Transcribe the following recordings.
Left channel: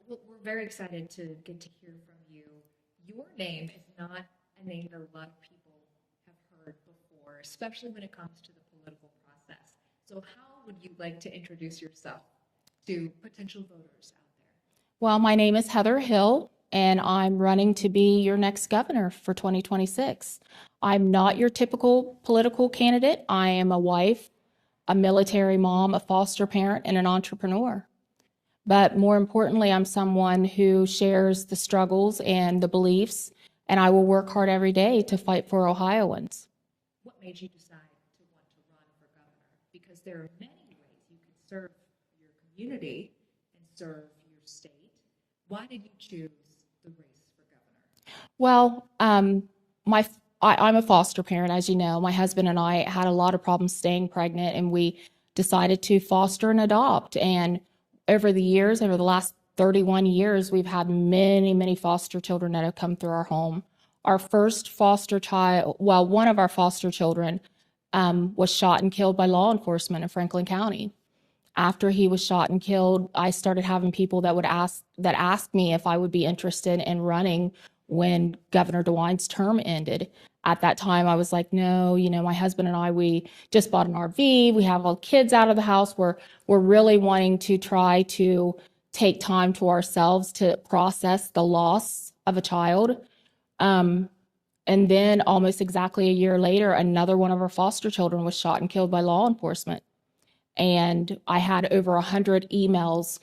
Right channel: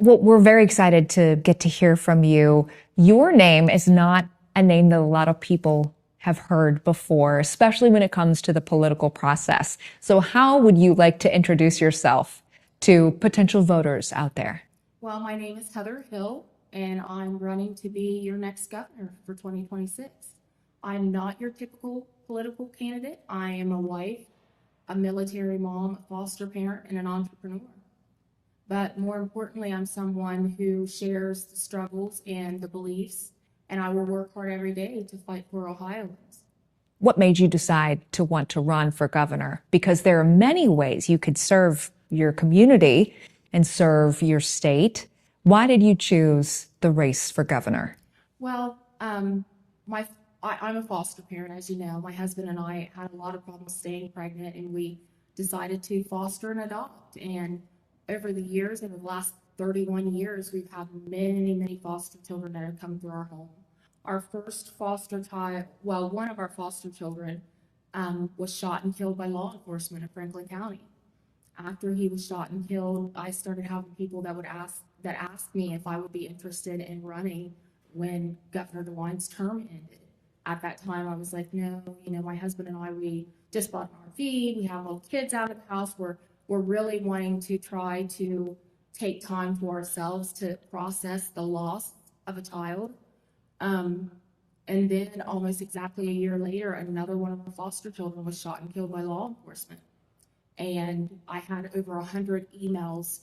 Well, we're very excited to get to hear from you. Your name is not a name that a lot of people have heard before, especially when it comes to the political process. So, how would you like to introduce yourself to potential voters out there? Well, my name is Heather Hill, and I'm running to be your next governor for 2026. I'm not your typical political candidate. I am a wife, a military mom, a foster parent, and an entrepreneur. But more importantly, I'm someone who shares the struggles and the beliefs, and I will work hard every day to fight for Ohioans. What made you decide to want to run for governor? Because there are many ways you could serve your community and serve your state. Why did you choose the race for governor? Well, my I'm a foster parent, as you know. My husband and I had a lot of problems staying pregnant, and we decided to foster and adopt. And over the years, over the last 31 years, we've had many, many foster children that have come through our home. Our first foster child, well, one of our foster children was shot and killed by law enforcement in Franklin County. After he was shot and killed, I started having people that asked me if I would be interested in running when Governor DeWine's term ended. At that time, I was like, no, my husband and I, we just bought an RV. We have all kids out of the house. We're really wanting to try to take time to ourselves to process the loss of a child. And then almost exactly a year later, another one of our foster children was shot and killed by law enforcement. And I had over 100 emails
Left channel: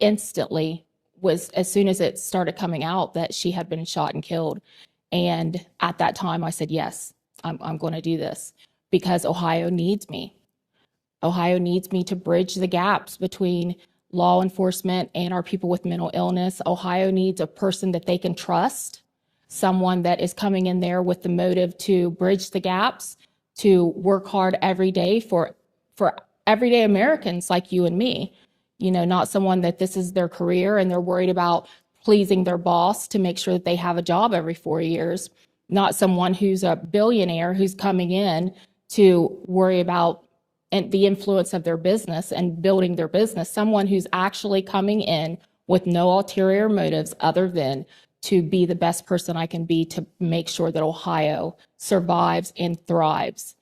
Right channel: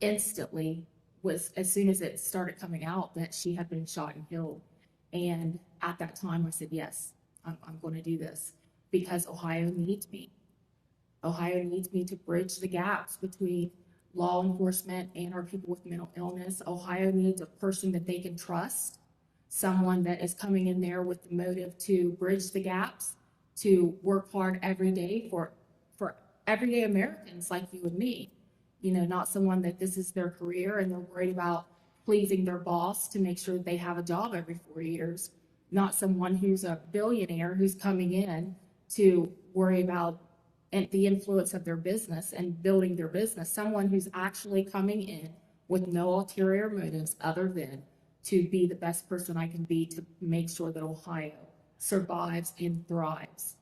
instantly, was as soon as it started coming out that she had been shot and killed. And at that time I said, yes, I'm going to do this because Ohio needs me. Ohio needs me to bridge the gaps between law enforcement and our people with mental illness. Ohio needs a person that they can trust, someone that is coming in there with the motive to bridge the gaps, to work hard every day for everyday Americans like you and me. Not someone that this is their career and they're worried about pleasing their boss to make sure that they have a job every 4 years. Not someone who's a billionaire who's coming in to worry about the influence of their business and building their business. Someone who's actually coming in with no ulterior motives other than to be the best person I can be to make sure that Ohio survives and thrives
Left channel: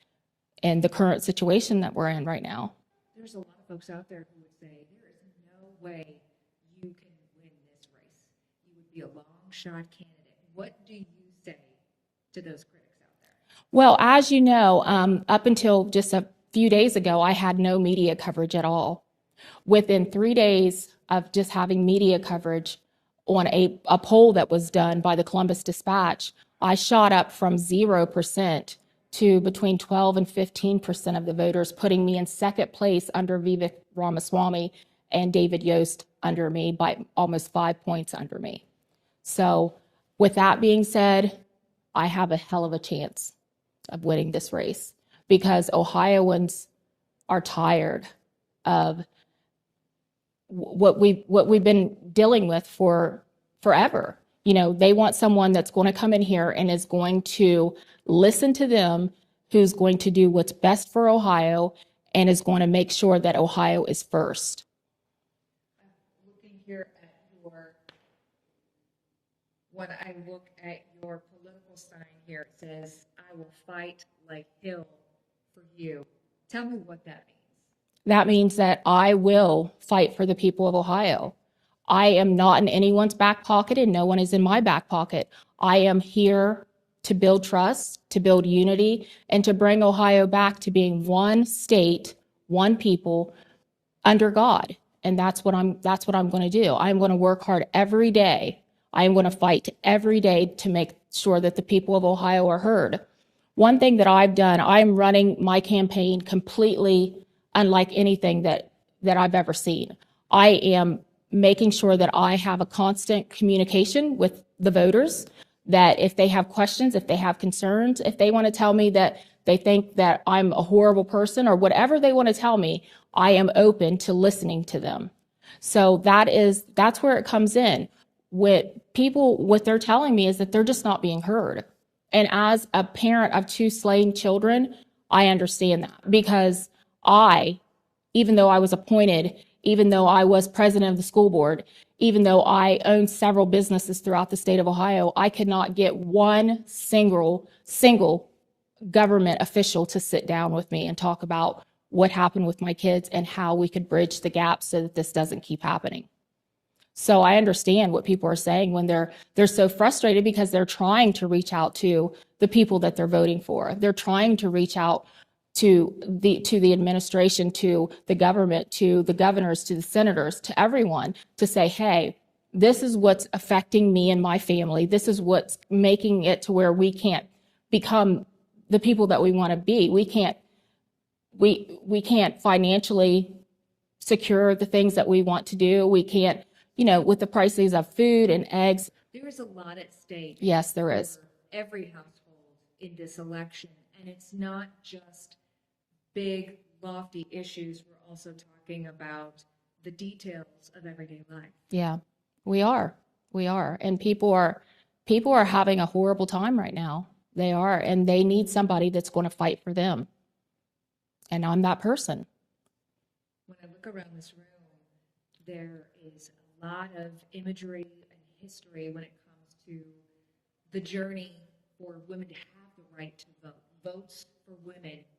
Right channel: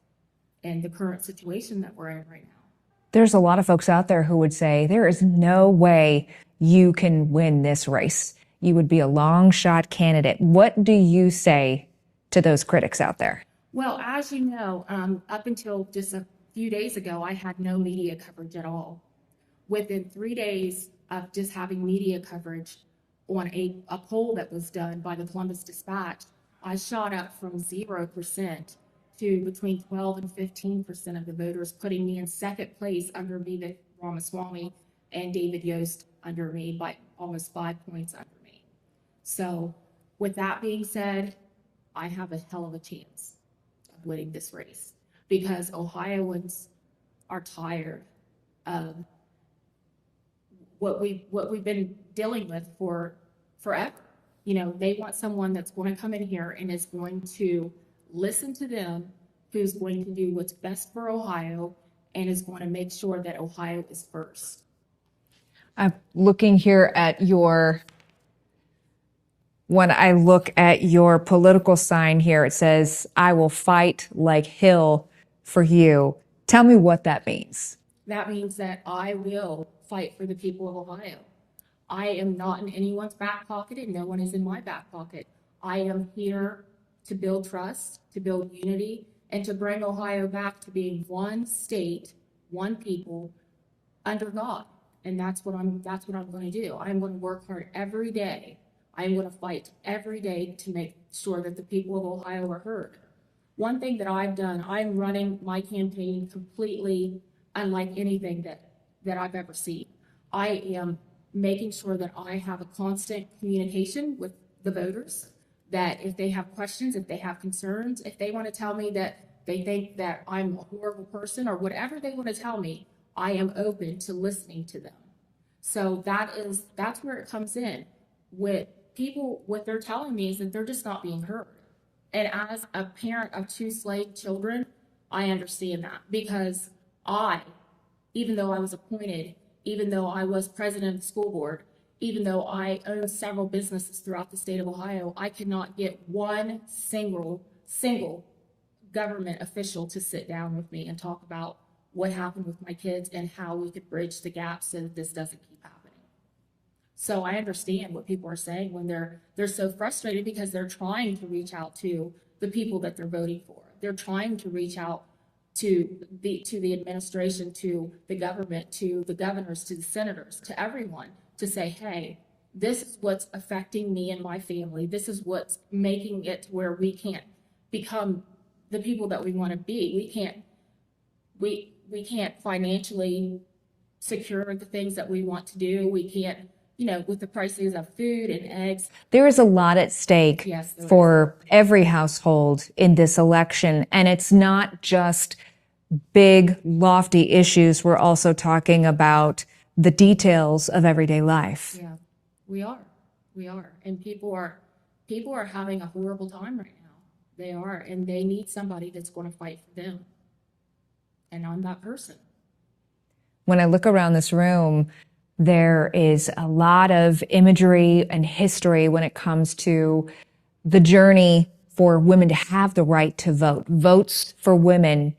in the current situation that we're in right now. There's a lot of folks out there who would say there is no way you can win this race. You would be a long shot candidate. What do you say to those critics out there? Well, as you know, up until just a few days ago, I had no media coverage at all. Within 3 days of just having media coverage on a poll that was done by the Columbus Dispatch, I shot up from 0% to between 12 and 15% of the voters, putting me in second place under Vivek Ramaswamy and David Yost under me by almost 5 points under me. So with that being said, I have a hell of a chance of winning this race because Ohioans are tired of what we've been dealing with for forever. They want someone that's going to come in here and is going to listen to them, who's going to do what's best for Ohio and is going to make sure that Ohio is first. I'm looking here at when I look at your political sign here, it says, I will fight like Hill for you. Tell me what that means. That means that I will fight for the people of Ohio. I am not in anyone's back pocket and no one is in my back pocket. I am here to build trust, to build unity, and to bring Ohio back to being one state, one people under God. And that's what I'm going to do. I'm going to work hard every day. I am going to fight every day to make sure that the people of Ohio are heard. One thing that I've done, I'm running my campaign completely unlike anything that I've ever seen. I am making sure that I have a constant communication with the voters, that if they have questions, if they have concerns, if they want to tell me that they think that I'm a horrible person or whatever they want to tell me, I am open to listening to them. So that's where it comes in. What they're telling me is that they're just not being heard. And as a parent of 2 slain children, I understand that because even though I was appointed, even though I was president of the school board, even though I own several businesses throughout the state of Ohio, I could not get one single government official to sit down with me and talk about what happened with my kids and how we could bridge the gap so that this doesn't keep happening. So I understand what people are saying when they're so frustrated because they're trying to reach out to the people that they're voting for. They're trying to reach out to the administration, to the government, to the governors, to the senators, to everyone to say, hey, this is what's affecting me and my family. This is what's making it to where we can't become the people that we want to be. We can't financially secure the things that we want to do. We can't, with the prices of food and eggs. There is a lot at stake. Yes, there for every household in this election. And it's not just big, lofty issues. We're also talking about the details of everyday life. Yeah, we are. And people are having a horrible time right now. They are, and they need somebody that's going to fight for them. And I'm that person. When I look around this room, there is a lot of imagery and history when it comes to the journey for women to have the right to vote, votes for women.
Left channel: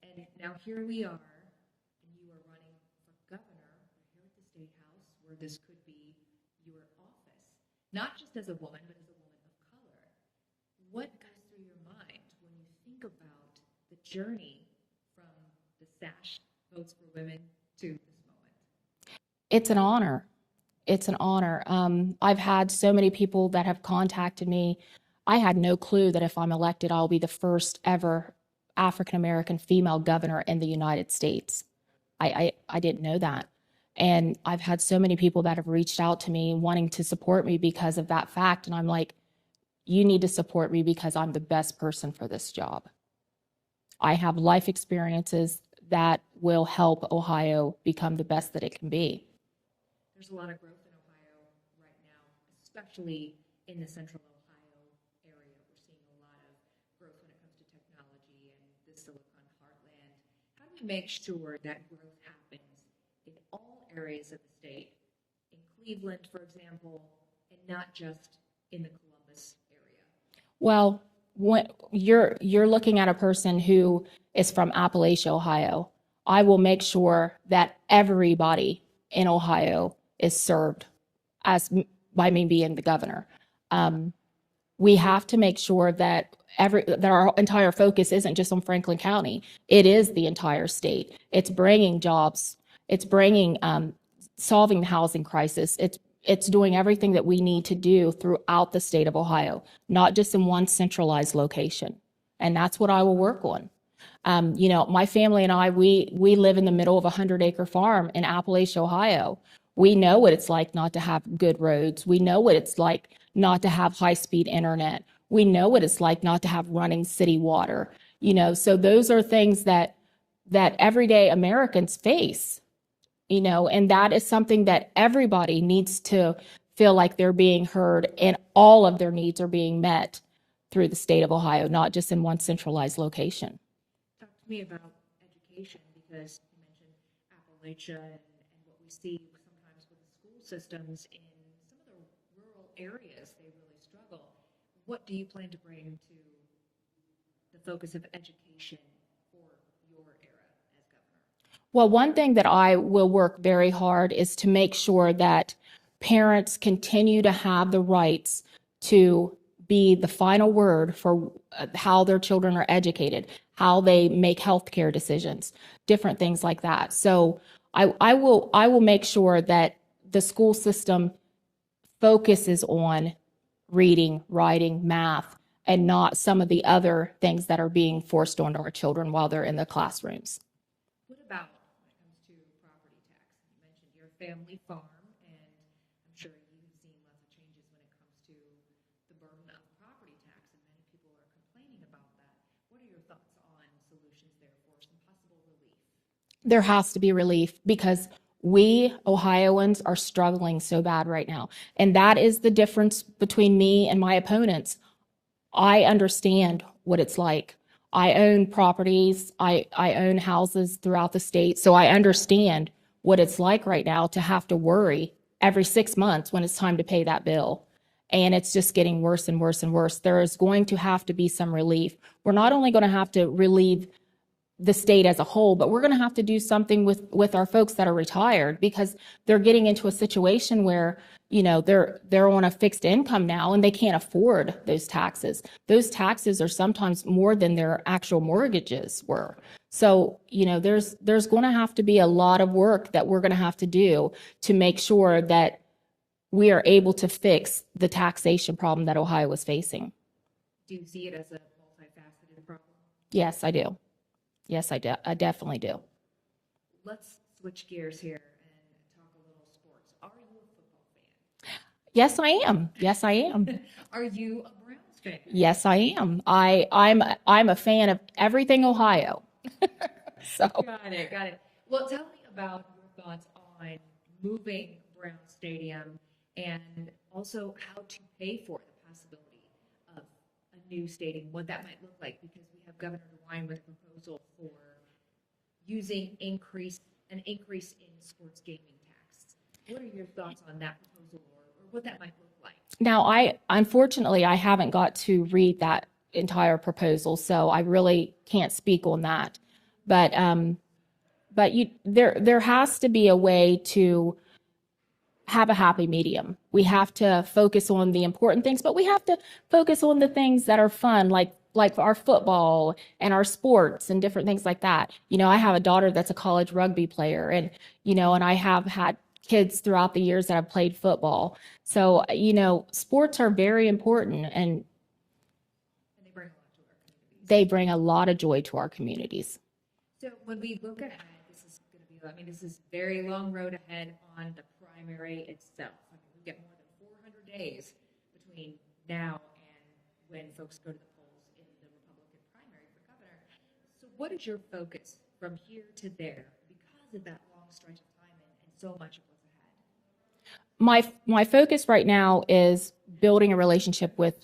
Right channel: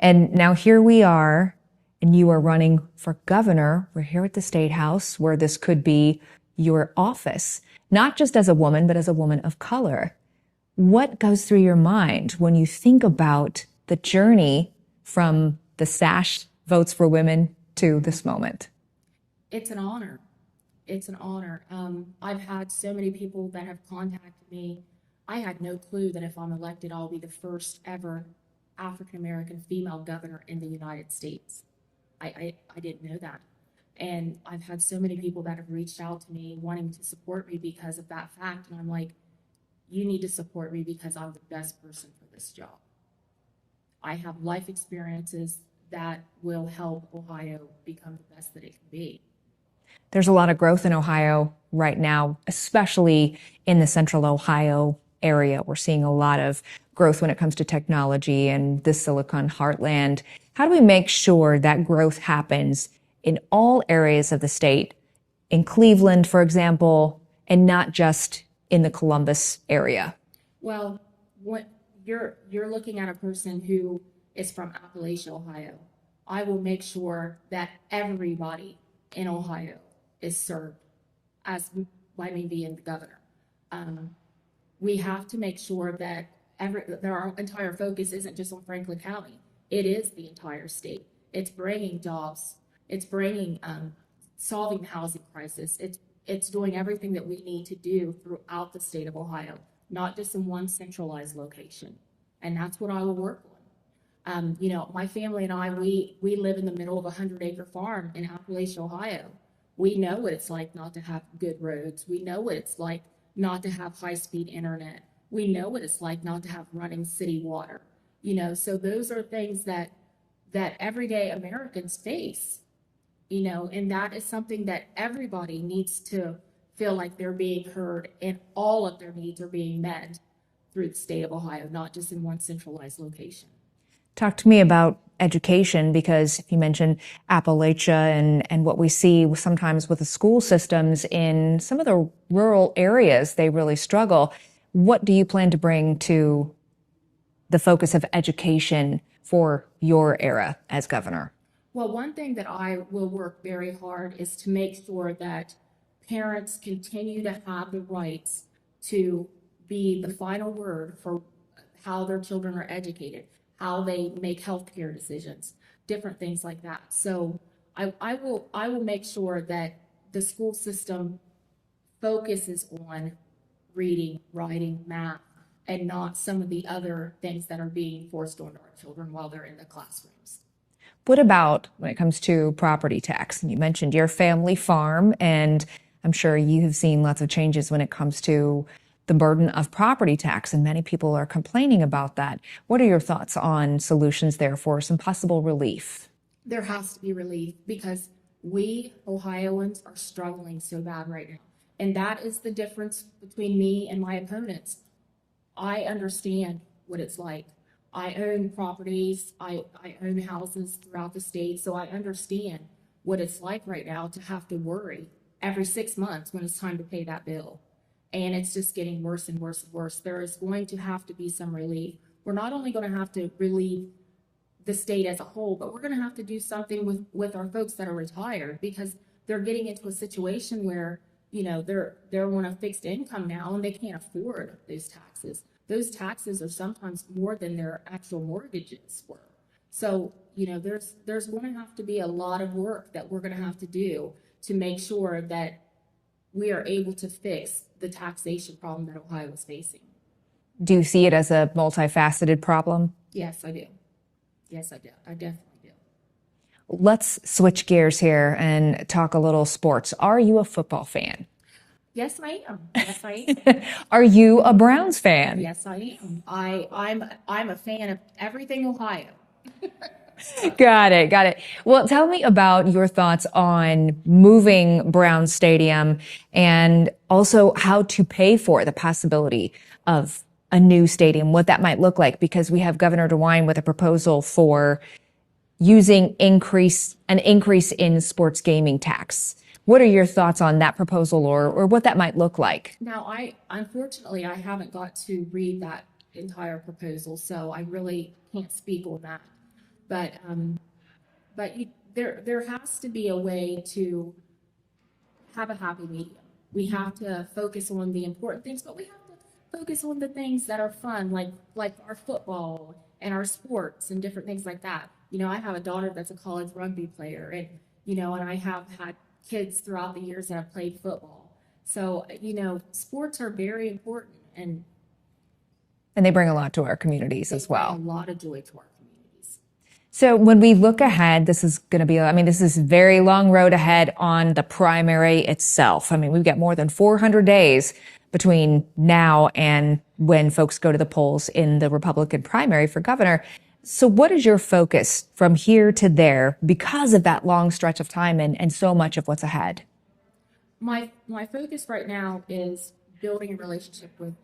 And now here we are, and you are running for governor. We're here at the State House, where this could be your office, not just as a woman, but as a woman of color. What goes through your mind when you think about the journey from the SASH Votes for Women to this moment? It's an honor. It's an honor. I've had so many people that have contacted me. I had no clue that if I'm elected, I'll be the first ever African-American female governor in the United States. I didn't know that. And I've had so many people that have reached out to me wanting to support me because of that fact. And I'm like, you need to support me because I'm the best person for this job. I have life experiences that will help Ohio become the best that it can be. There's a lot of growth in Ohio right now, especially in the central Ohio area. We're seeing a lot of growth when it comes to technology and the Silicon Heartland. How do we make sure that growth happens in all areas of the state, in Cleveland, for example, and not just in the Columbus area? Well, when you're looking at a person who is from Appalachia, Ohio, I will make sure that everybody in Ohio is served by me being the governor. We have to make sure that our entire focus isn't just on Franklin County. It is the entire state. It's bringing jobs. It's bringing solving the housing crisis. It's doing everything that we need to do throughout the state of Ohio, not just in one centralized location. And that's what I will work on. My family and I, we live in the middle of a 100-acre farm in Appalachia, Ohio. We know what it's like not to have good roads. We know what it's like not to have high-speed internet. We know what it's like not to have running city water. So those are things that everyday Americans face, and that is something that everybody needs to feel like they're being heard and all of their needs are being met through the state of Ohio, not just in one centralized location. Talk to me about education, because you mentioned Appalachia and what we see sometimes with the school systems in some of the rural areas, they really struggle. What do you plan to bring to the focus of education for your era as governor? Well, one thing that I will work very hard is to make sure that parents continue to have the rights to be the final word for how their children are educated, how they make healthcare decisions, different things like that. So I will make sure that the school system focuses on reading, writing, math, and not some of the other things that are being forced onto our children while they're in the classrooms. What about when it comes to property tax? You mentioned your family farm, and I'm sure you have seen lots of changes when it comes to the burden of property tax, and many people are complaining about that. What are your thoughts on solutions there for some possible relief? There has to be relief because we Ohioans are struggling so bad right now. And that is the difference between me and my opponents. I understand what it's like. I own properties. I own houses throughout the state. So I understand what it's like right now to have to worry every 6 months when it's time to pay that bill. And it's just getting worse and worse and worse. There is going to have to be some relief. We're not only going to have to relieve the state as a whole, but we're going to have to do something with our folks that are retired, because they're getting into a situation where, you know, they're on a fixed income now and they can't afford those taxes. Those taxes are sometimes more than their actual mortgages were. So, you know, there's going to have to be a lot of work that we're going to have to do to make sure that we are able to fix the taxation problem that Ohio is facing. Do you see it as a multifaceted problem? Yes, I do. Yes, I do. I definitely do. Let's switch gears here and talk a little sports. Are you a football fan? Yes, I am. Yes, I am. Are you a Browns fan? Yes, I am. I'm a fan of everything Ohio. So. Got it. Got it. Well, tell me about your thoughts on moving Brown Stadium and also how to pay for the possibility of a new stadium, what that might look like, because we have Governor DeWine with a proposal for using an increase in sports gaming tax. What are your thoughts on that proposal or what that might look like? Now, unfortunately, I haven't got to read that entire proposal, so I really can't speak on that. But there has to be a way to have a happy medium. We have to focus on the important things, but we have to focus on the things that are fun, like our football and our sports and different things like that. You know, I have a daughter that's a college rugby player, and you know, and I have had kids throughout the years that have played football. So, you know, sports are very important, and they bring a lot to our communities as well. They bring a lot of joy to our communities. So when we look ahead, this is going to be, I mean, this is a very long road ahead on the primary itself. I mean, we've got more than 400 days between now and when folks go to the polls in the Republican primary for governor. So what is your focus from here to there because of that long stretch of time and so much of what's ahead? My focus right now is building a relationship with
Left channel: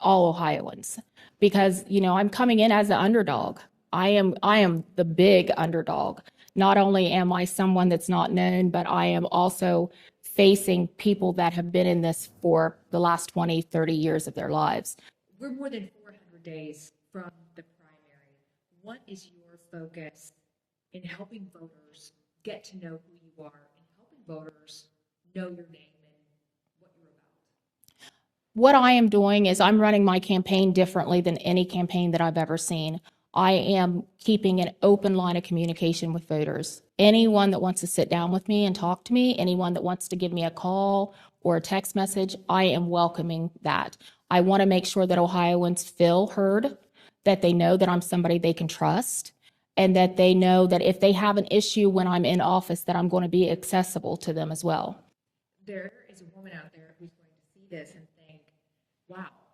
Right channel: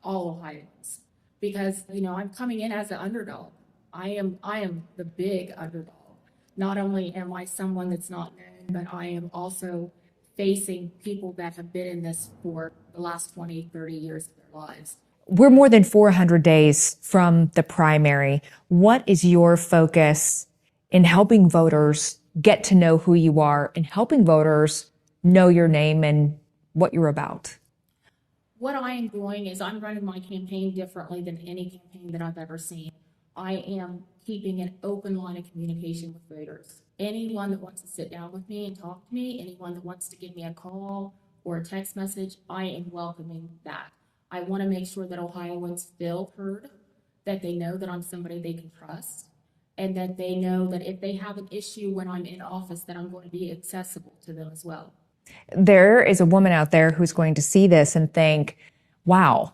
all Ohioans, because, you know, I'm coming in as an underdog. I am the big underdog. Not only am I someone that's not known, but I am also facing people that have been in this for the last 20, 30 years of their lives. We're more than 400 days from the primary. What is your focus in helping voters get to know who you are and helping voters know your name and what you're about? What I am doing is I'm running my campaign differently than any campaign that I've ever seen. I am keeping an open line of communication with voters. Anyone that wants to sit down with me and talk to me, anyone that wants to give me a call or a text message, I am welcoming that. I want to make sure that Ohioans feel heard, that they know that I'm somebody they can trust, and that they know that if they have an issue when I'm in office, that I'm going to be accessible to them as well. There is a woman out there who's going to see this and think, wow,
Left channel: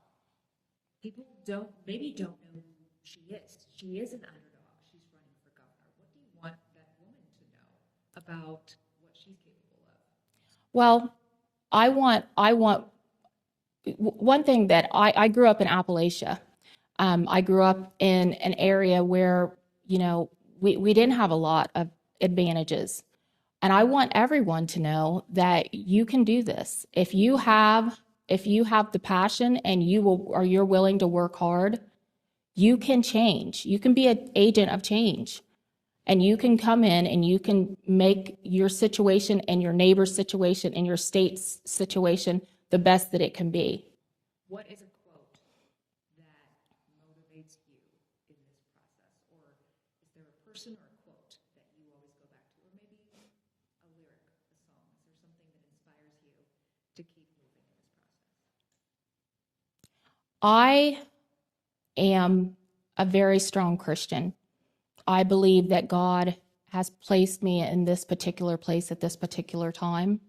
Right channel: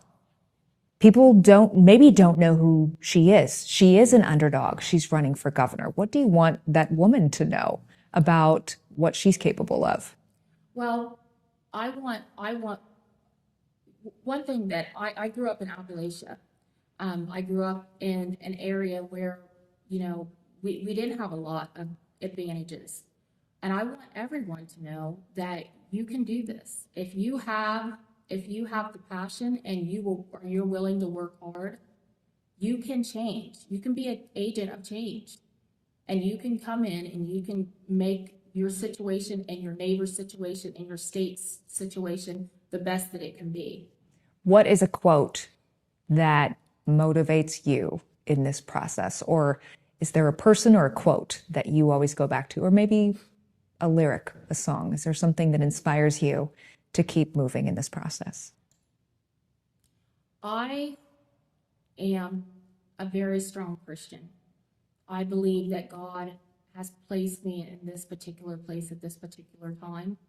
people maybe don't know who she is. She is an underdog. She's running for governor. What do you want that woman to know about what she's capable of? Well, I want one thing that I grew up in Appalachia. I grew up in an area where, you know, we didn't have a lot of advantages. And I want everyone to know that you can do this. If you have the passion and you're willing to work hard, you can change. You can be an agent of change. And you can come in and you can make your situation and your neighbor's situation and your state's situation the best that it can be. What is a quote that motivates you in this process? Or is there a person or a quote that you always go back to? Or maybe a lyric, a song? Is there something that inspires you to keep moving in this process? I am a very strong Christian. I believe that God has placed me in this particular place at this particular time.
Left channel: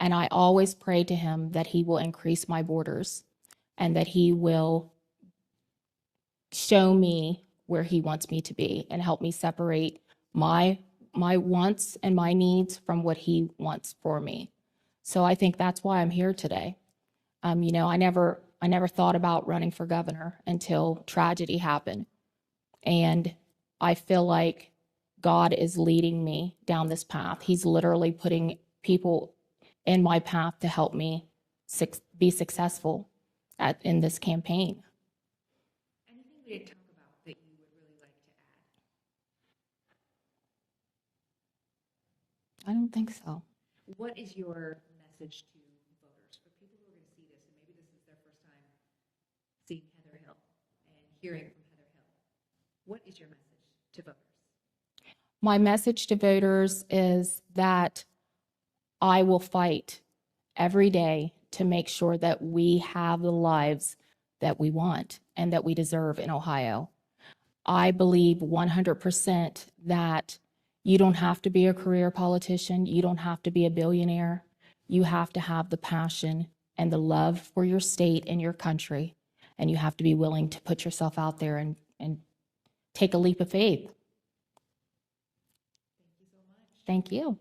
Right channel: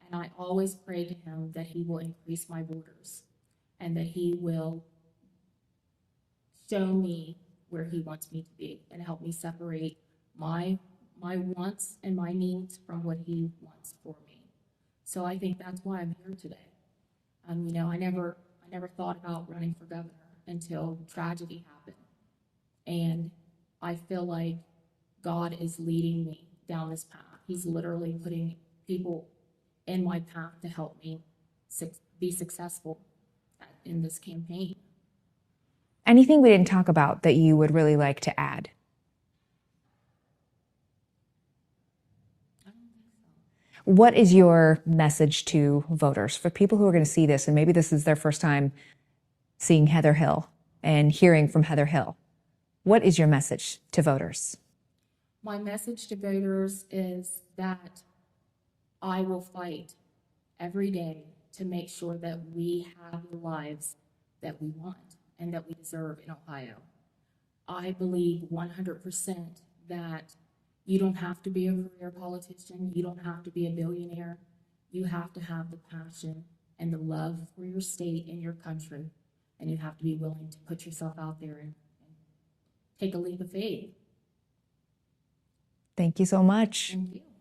And I always pray to him that he will increase my borders and that he will show me where he wants me to be and help me separate my wants and my needs from what he wants for me. So I think that's why I'm here today. You know, I never thought about running for governor until tragedy happened. And I feel like God is leading me down this path. He's literally putting people in my path to help me be successful in this campaign. Anything we didn't talk about that you would really like to add? I don't think so. What is your message to voters, for people who are going to see this and maybe this is their first time seeing Heather Hill and hearing from Heather Hill? What is your message to voters? My message to voters is that I will fight every day to make sure that we have the lives that we want and that we deserve in Ohio. I believe 100% that you don't have to be a career politician. You don't have to be a billionaire. You have to have the passion and the love for your state and your country. And you have to be willing to put yourself out there and take a leap of faith. Thank you so much. Thank you.